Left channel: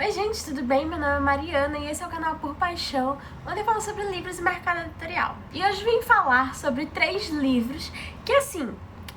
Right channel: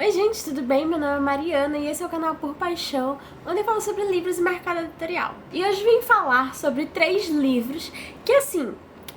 Oi gente, tudo bem? Meu nome é Mariana e esse é o canal Por Paixão, onde eu falo sobre livros e mercado editorial. E hoje vim falar sobre 3 livros que, assim,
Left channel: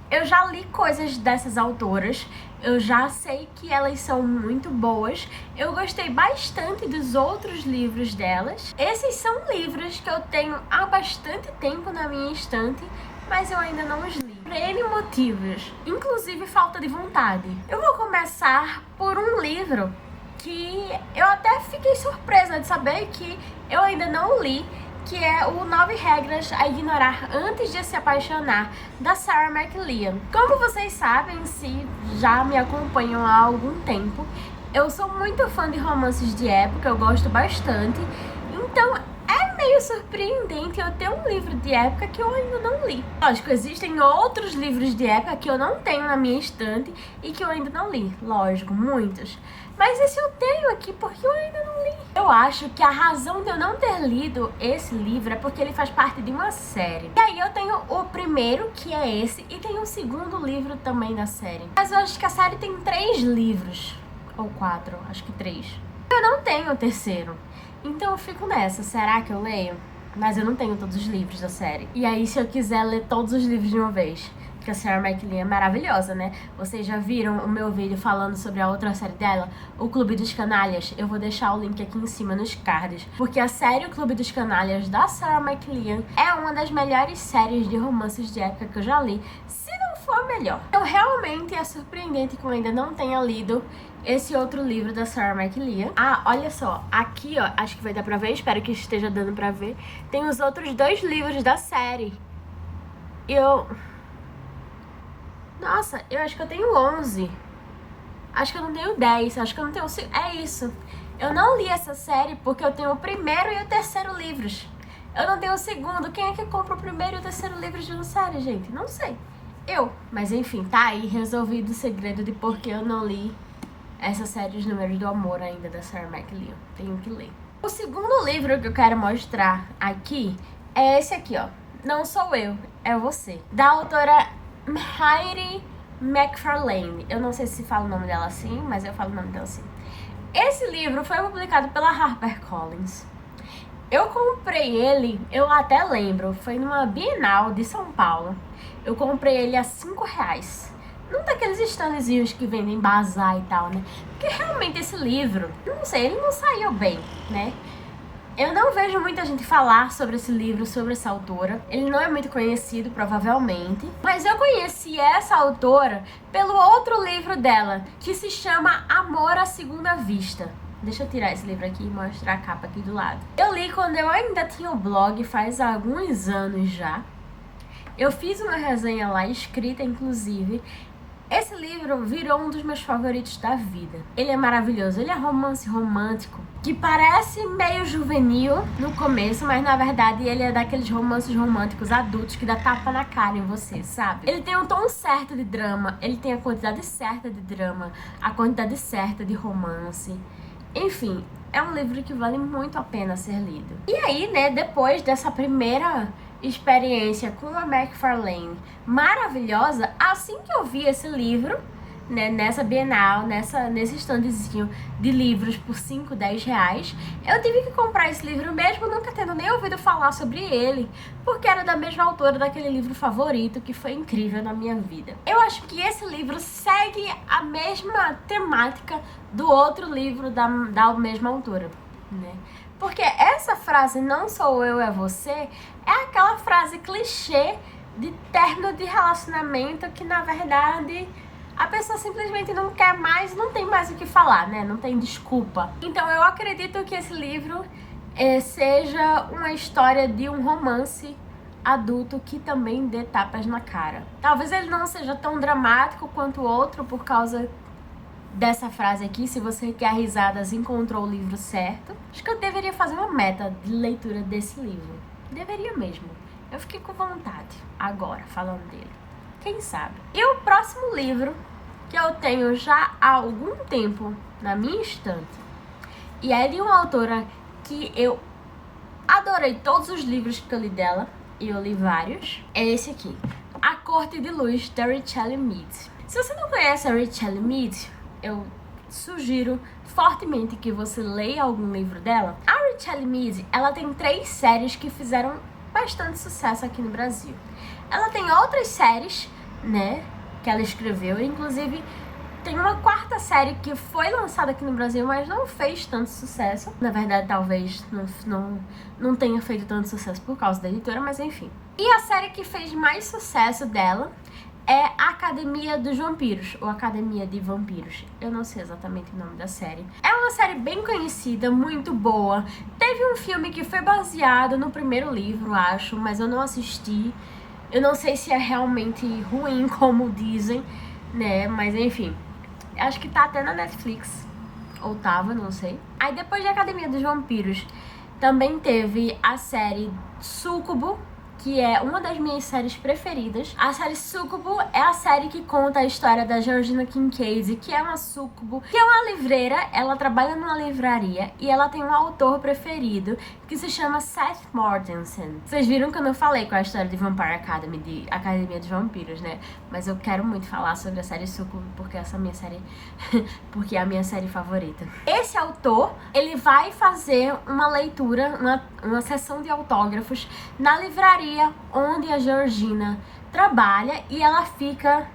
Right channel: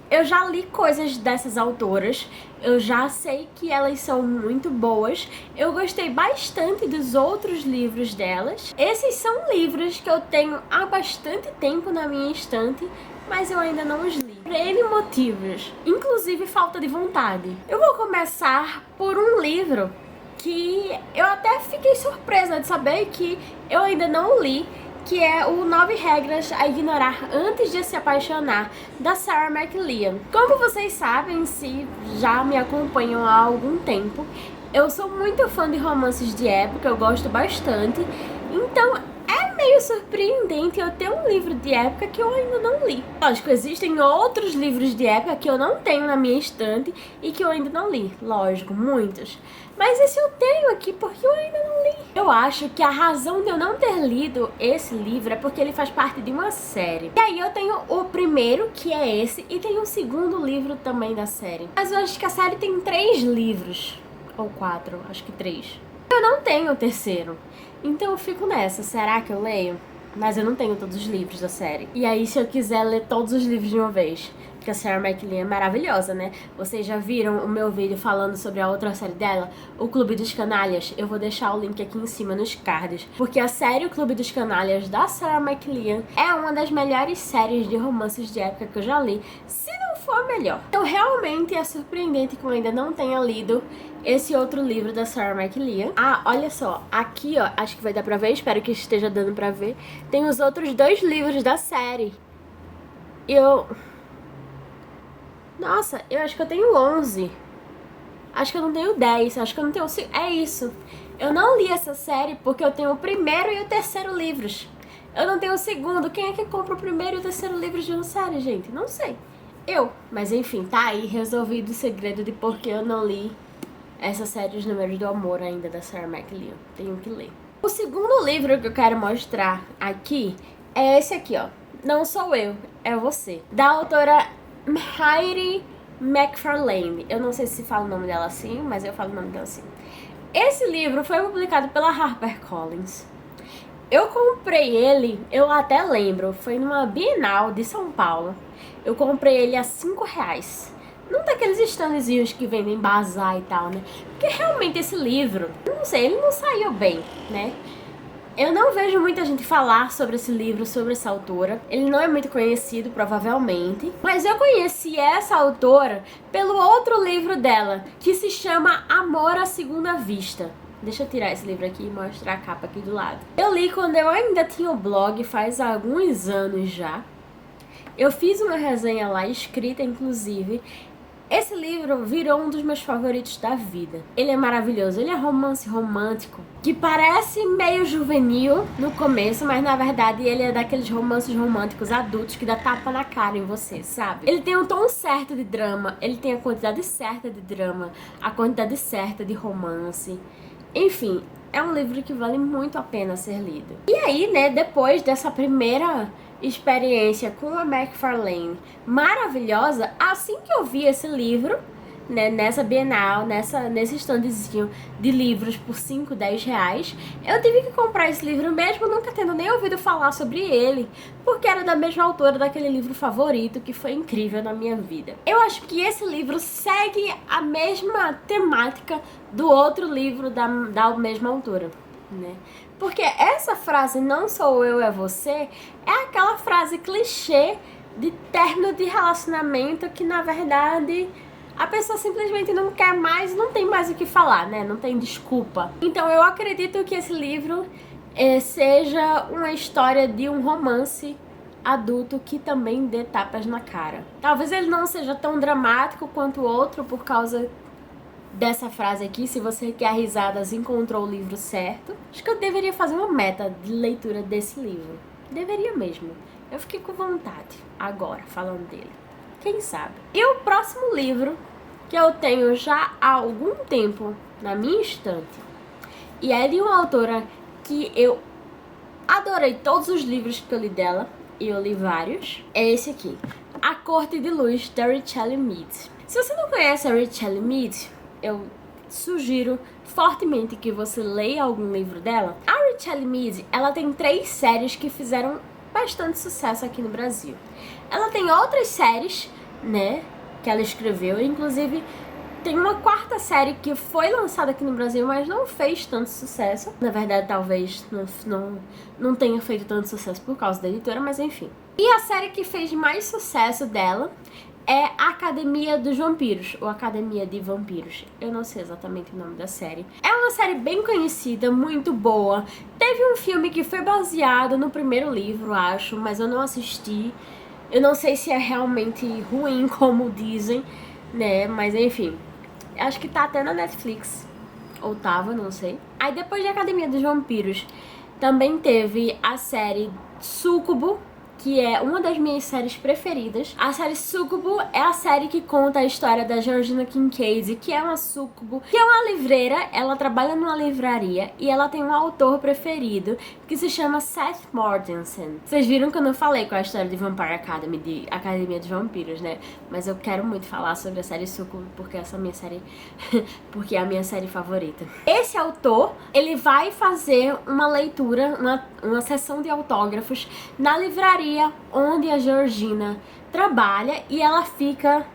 eu já li coisas dessas autoras, eu já sei que elas são muito boas, eu gostei bastante dos outros livros delas. Esses são livros que eu tenho há bastante tempo na minha estante, mas eu ainda não os li. Por N motivos, inclusive falta de vontade. Eu vou começar por um livro que eu até fiquei surpresa de saber que eu ainda não li, que é o 9 Regras a Ignorar Antes de Se Apaixonar, da Sarah McLean. Como vocês sabem, se já me acompanham há algum tempo, eu sou muito fã de romances de época, eu gosto bastante, então é meio surpreendente eu ter um livro de época que eu ainda não li. Lógico, existem outros livros de época que eu não tenho na minha estante e que eu ainda não li, lógico, muitos. Mas esse eu tenho aqui porque eu ainda não li. Eu acho que a razão de eu não ter lido esse livro é porque ele faz parte de uma série. E aí eu tenho o primeiro, que é esse, e tem um segundo livro também da série. Mas eu acho que a série tem 3 livros, ou 4, acho que 3. Eu não tenho o terceiro, então eu fico nessa, será que eu leio? Mas eu não tenho todos os livros da série. E aí se eu quiser ler todos os livros de uma vez, porque a Sarah McLean é maravilhosa, né? Vocês já viram o meu vídeo falando sobre a outra série dela, O Clube dos Canalhas? Eu vou deixar o link aqui em cima nos cards. Porque a série O Clube dos Canalhas, da Sarah McLean, é uma das melhores séries de romances de época que eu já li, se não for a melhor. Então realmente é surpreendente que eu ainda não tenha lido esse outro livro da Sarah McLean. Ah, olha só, aqui ó, acho que vai dar pra ver, espero que esteja dando pra ver. Tem os outros 2 livros da série. Nossa, eu acho que eu tenho 11. Acho que eu não tenho 10. Acho que eu não tenho... É isso. Eu não li essa série porque eu tenho o primeiro e o terceiro livros. Eu não tenho o segundo. Quem é que compra o primeiro e o terceiro livro de uma série, gente? Não sei. Eu. Mas enfim, tá aí resolvido o segredo de por que eu não li essa série Os Números do Amor ainda, da Sarah McLean. Tenho que ler. O segundo livro que eu quero mostrar aqui é esse aqui, ó. Não Sou Eu, É Você. Da autora Heidi McFarlane. Eu não sei se fala o nome dela assim, mas eu falo o nome dela assim. Esse livro foi publicado pela HarperCollins. Eu comprei ele, eu até lembro, foi numa Bienal de São Paulo. Eu comprei ele a R$5. Num daqueles standzinhos que vendem bazar e tal, né? Porque realmente esse livro, não sei, ele não saiu bem, né? Eu não vejo muita gente falar sobre esse livro, sobre essa autora. Ele não é muito conhecido, provavelmente. Mas eu conheci essa autora pelo outro livro dela, que se chama Amor à Segunda Vista. Deixa eu tirar esse livro aqui e mostrar a capa aqui do lado. Eu li quando eu ainda tinha o blog, faz alguns anos já. Eu fiz uma resenha lá, escrita inclusive. Esse livro virou um dos meus favoritos da vida. Ele é maravilhoso, ele é romance romântico, que parece meio juvenil no começo, mas na verdade ele é daqueles romances românticos adultos que dá tapa na cara em você, sabe? Ele tem o tom certo de drama, ele tem a quantidade certa de drama, a quantidade certa de romance. Enfim, é um livro que vale muito a pena ser lido. E aí, né, depois dessa primeira experiência com a McFarlane maravilhosa, assim que eu vi esse livro, né, nessa Bienal, nesse standzinho de livros por 5, 10 reais, eu tive que comprar esse livro mesmo nunca tendo nem ouvido falar sobre ele, porque era da mesma autora daquele livro favorito que foi incrível na minha vida. Eu acho que esse livro segue a mesma temática do outro livro da mesma autora, né? Porque essa frase, não sou eu, é você, é aquela frase clichê de término de relacionamento que, na verdade, a pessoa simplesmente não quer mais, não tem mais o que falar, né? Não tem desculpa. Então, eu acredito que esse livro seja uma história de um romance adulto que também dê tapas na cara. Talvez ele não seja tão dramático quanto o outro por causa dessa frase aqui: se você quer risadas, encontrou o livro certo. Acho que eu deveria fazer uma meta de leitura desse livro. Deveria mesmo. Eu fiquei com vontade agora, falando dele. Quem sabe? E o próximo livro, que eu tenho já há algum tempo na minha estante, e é de uma autora que eu adorei todos os livros que eu li dela, e eu li vários, é esse aqui. A Corte de Luz, da Richelle Mead. Se você não conhece a Richelle Mead, eu sugiro fortemente que você leia algum livro dela. A Richelle Mead, ela tem 3 séries que fizeram bastante sucesso aqui no Brasil. Ela tem outras séries, né, que ela escreveu, inclusive tem uma 4ª série que foi lançada aqui no Brasil, mas não fez tanto sucesso. Na verdade, talvez não tenha feito tanto sucesso por causa da editora, mas enfim. E a série que fez mais sucesso dela é a Academia dos Vampiros, ou Academia de Vampiros. Eu não sei exatamente o nome da série. É uma série bem conhecida, muito boa. Teve um filme que foi baseado no primeiro livro, acho, mas eu não assisti. Eu não sei se é realmente ruim, como dizem, né, mas enfim. Acho que tá até na Netflix. Ou tava, não sei. Aí depois da Academia dos Vampiros, também teve a série Súcubo, que é uma das minhas séries preferidas. A série Súcubo é a série que conta a história da Georgina Kincaid, que é uma súcubo, que é uma livreira. Ela trabalha numa livraria e ela tem um autor preferido que se chama Seth Mortensen. Vocês viram que eu não falei com a história de Vampire Academy, de Academia dos Vampiros, né? Mas eu quero muito falar sobre a série Súcubo, porque essa é a minha série porque é a minha série favorita. Esse autor, ele vai fazer uma leitura, uma sessão de autógrafos na livraria onde a Georgina trabalha, e ela fica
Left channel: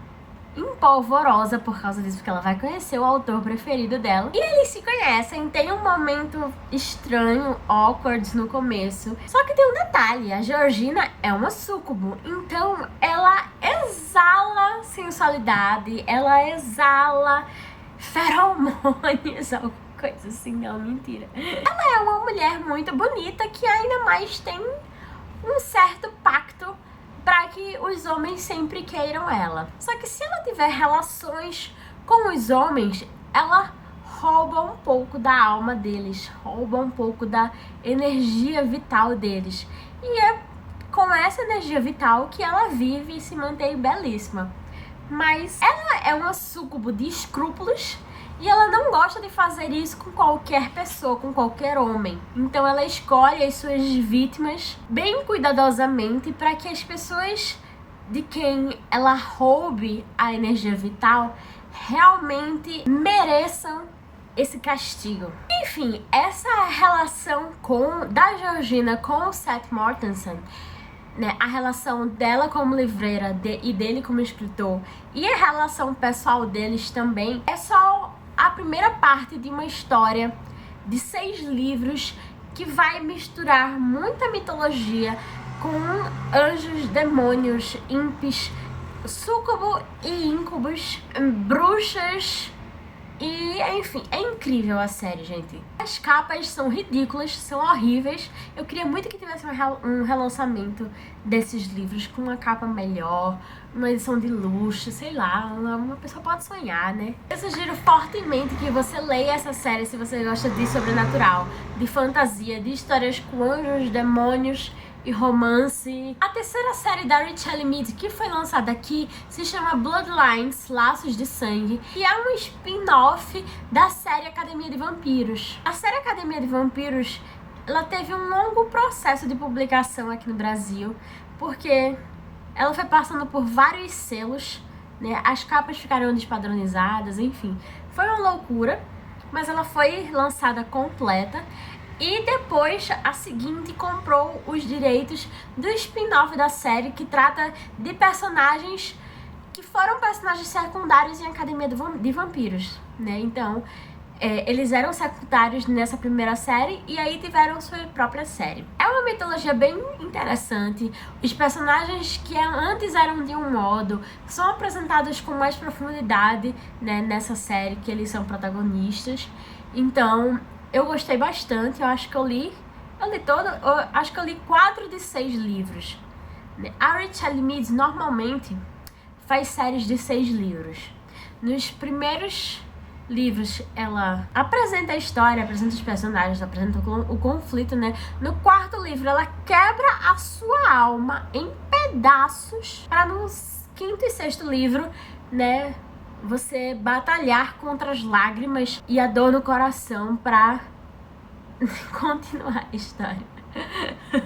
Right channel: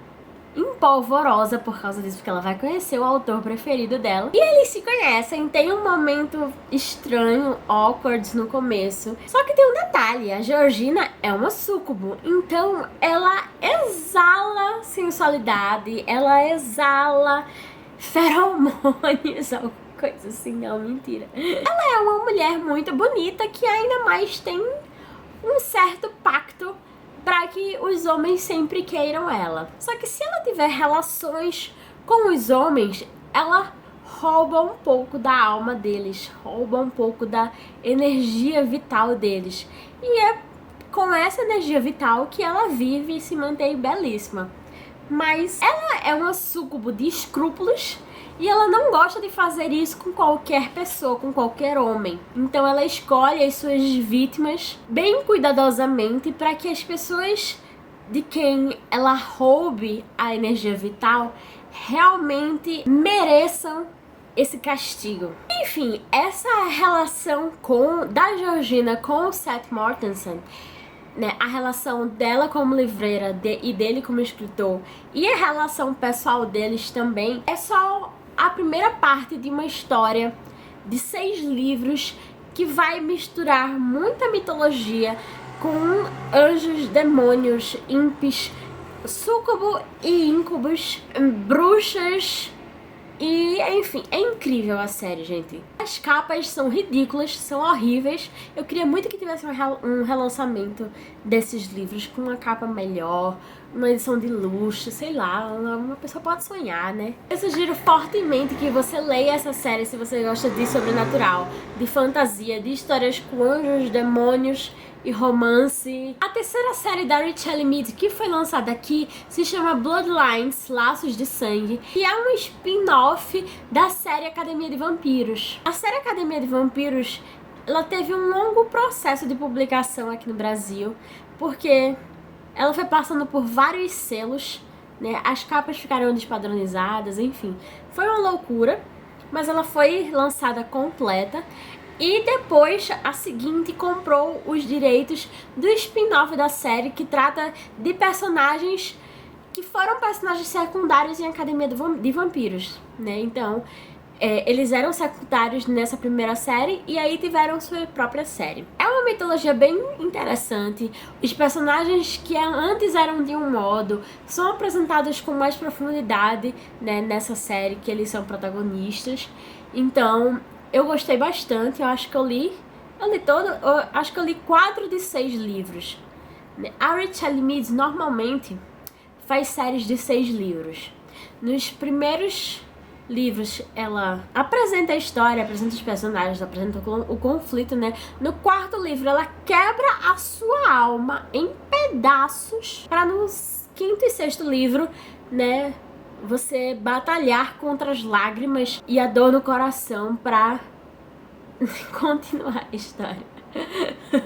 empolvorosa por causa disso, porque ela vai conhecer o autor preferido dela. E eles se conhecem, tem um momento estranho, awkward no começo. Só que tem um detalhe, a Georgina é uma súcubo, então ela exala sensualidade, ela exala feromônios, alguma coisa assim, não, mentira. Ela é uma mulher muito bonita que ainda mais tem um certo pacto para que os homens sempre queiram ela. Só que se ela tiver relações com os homens, ela rouba um pouco da alma deles, rouba um pouco da energia vital deles. E é com essa energia vital que ela vive e se mantém belíssima. Mas ela é uma súcubo de escrúpulos e ela não gosta de fazer isso com qualquer pessoa, com qualquer homem. Então ela escolhe as suas vítimas bem cuidadosamente para que as pessoas de quem ela roube a energia vital realmente mereçam esse castigo. Enfim, essa relação da Georgina com o Seth Mortensen, né, a relação dela como livreira e dele como escritor, e a relação pessoal deles também, é só a primeira parte de uma história de 6 livros que vai misturar muita mitologia com anjos, demônios, impis, súcubo e íncubos, bruxas. E, enfim, é incrível a série, gente. As capas são ridículas, são horríveis. Eu queria muito que tivesse um relançamento desses livros com uma capa melhor, uma edição de luxo, sei lá, uma pessoa pode sonhar, né? Eu sugiro fortemente que você leia essa série se você gosta de sobrenatural, de fantasia, de histórias com anjos, demônios e romance. A terceira série da Richelle Mead, que foi lançada aqui, se chama Bloodlines, Laços de Sangue, e é um spin-off da série Academia de Vampiros. A série Academia de Vampiros, ela teve um longo processo de publicação aqui no Brasil, porque ela foi passando por vários selos, né? As capas ficaram despadronizadas, enfim. Foi uma loucura, mas ela foi lançada completa. E depois, a seguinte comprou os direitos do spin-off da série, que trata de personagens que foram personagens secundários em Academia de Vampiros, né? Então, eles eram secundários nessa primeira série e aí tiveram sua própria série. É uma mitologia bem interessante. Os personagens que antes eram de um modo são apresentados com mais profundidade, né, nessa série, que eles são protagonistas. Então, eu gostei bastante. Eu acho que eu li acho que eu li 4 de 6 livros. A Richelle Mead normalmente faz séries de 6 livros. Nos primeiros livros, ela apresenta a história, apresenta os personagens, apresenta o conflito, né? No 4º livro, ela quebra a sua alma em pedaços para no 5º e 6º livro, né, você batalhar contra as lágrimas e a dor no coração para continuar a história.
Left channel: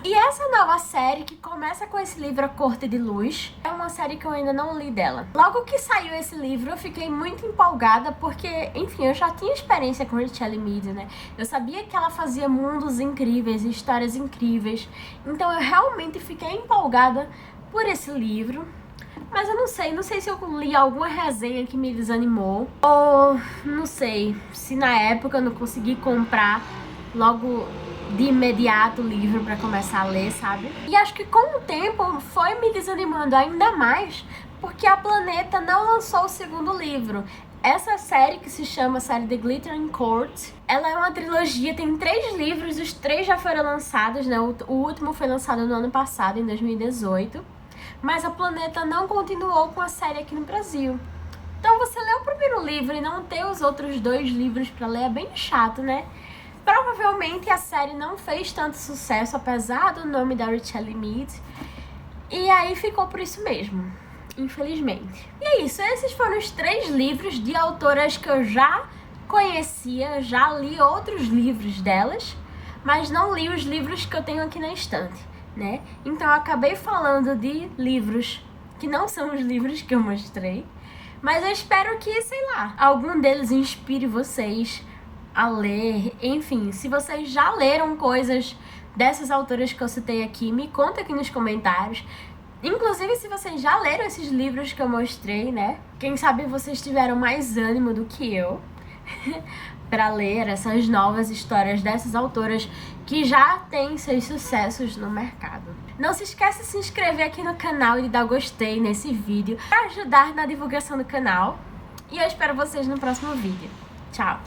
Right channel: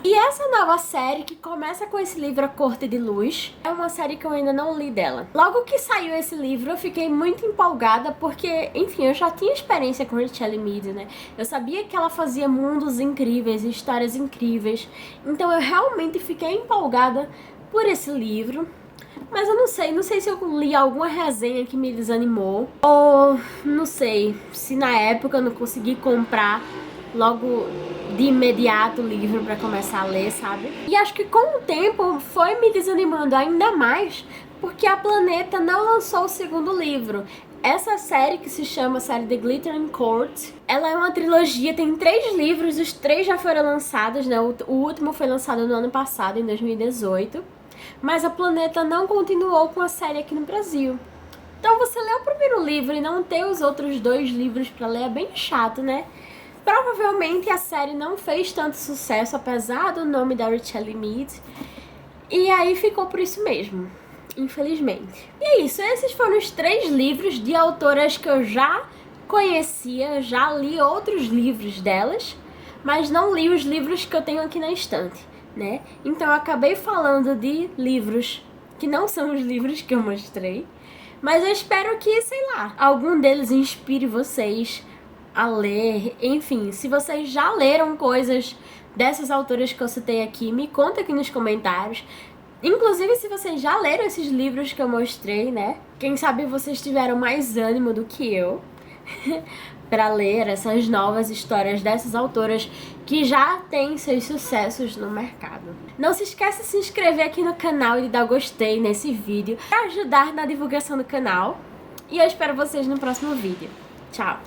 E essa nova série, que começa com esse livro A Corte de Luz, é uma série que eu ainda não li dela. Logo que saiu esse livro, eu fiquei muito empolgada, porque, enfim, eu já tinha experiência com Richelle Mead, né? Eu sabia que ela fazia mundos incríveis, histórias incríveis, então eu realmente fiquei empolgada por esse livro. Mas eu não sei se eu li alguma resenha que me desanimou, ou não sei se na época eu não consegui comprar logo de imediato o livro pra começar a ler, sabe? E acho que com o tempo foi me desanimando ainda mais, porque a Planeta não lançou o segundo livro. Essa série, que se chama série The Glittering Court, ela é uma trilogia, tem 3 livros, os 3 já foram lançados, né? O último foi lançado no ano passado, em 2018. Mas a Planeta não continuou com a série aqui no Brasil. Então você lê o primeiro livro e não ter os outros 2 livros pra ler é bem chato, né? Provavelmente a série não fez tanto sucesso, apesar do nome da Richelle Mead. E aí ficou por isso mesmo, infelizmente. E é isso, esses foram os 3 livros de autoras que eu já conhecia, já li outros livros delas, mas não li os livros que eu tenho aqui na estante, né? Então eu acabei falando de livros que não são os livros que eu mostrei, mas eu espero que, sei lá, algum deles inspire vocês a ler. Enfim, se vocês já leram coisas dessas autoras que eu citei aqui, me conta aqui nos comentários. Inclusive, se vocês já leram esses livros que eu mostrei, né? Quem sabe vocês tiveram mais ânimo do que eu para ler essas novas histórias dessas autoras que já têm seus sucessos no mercado. Não se esqueça de se inscrever aqui no canal e de dar gostei nesse vídeo para ajudar na divulgação do canal. E eu espero vocês no próximo vídeo. Tchau!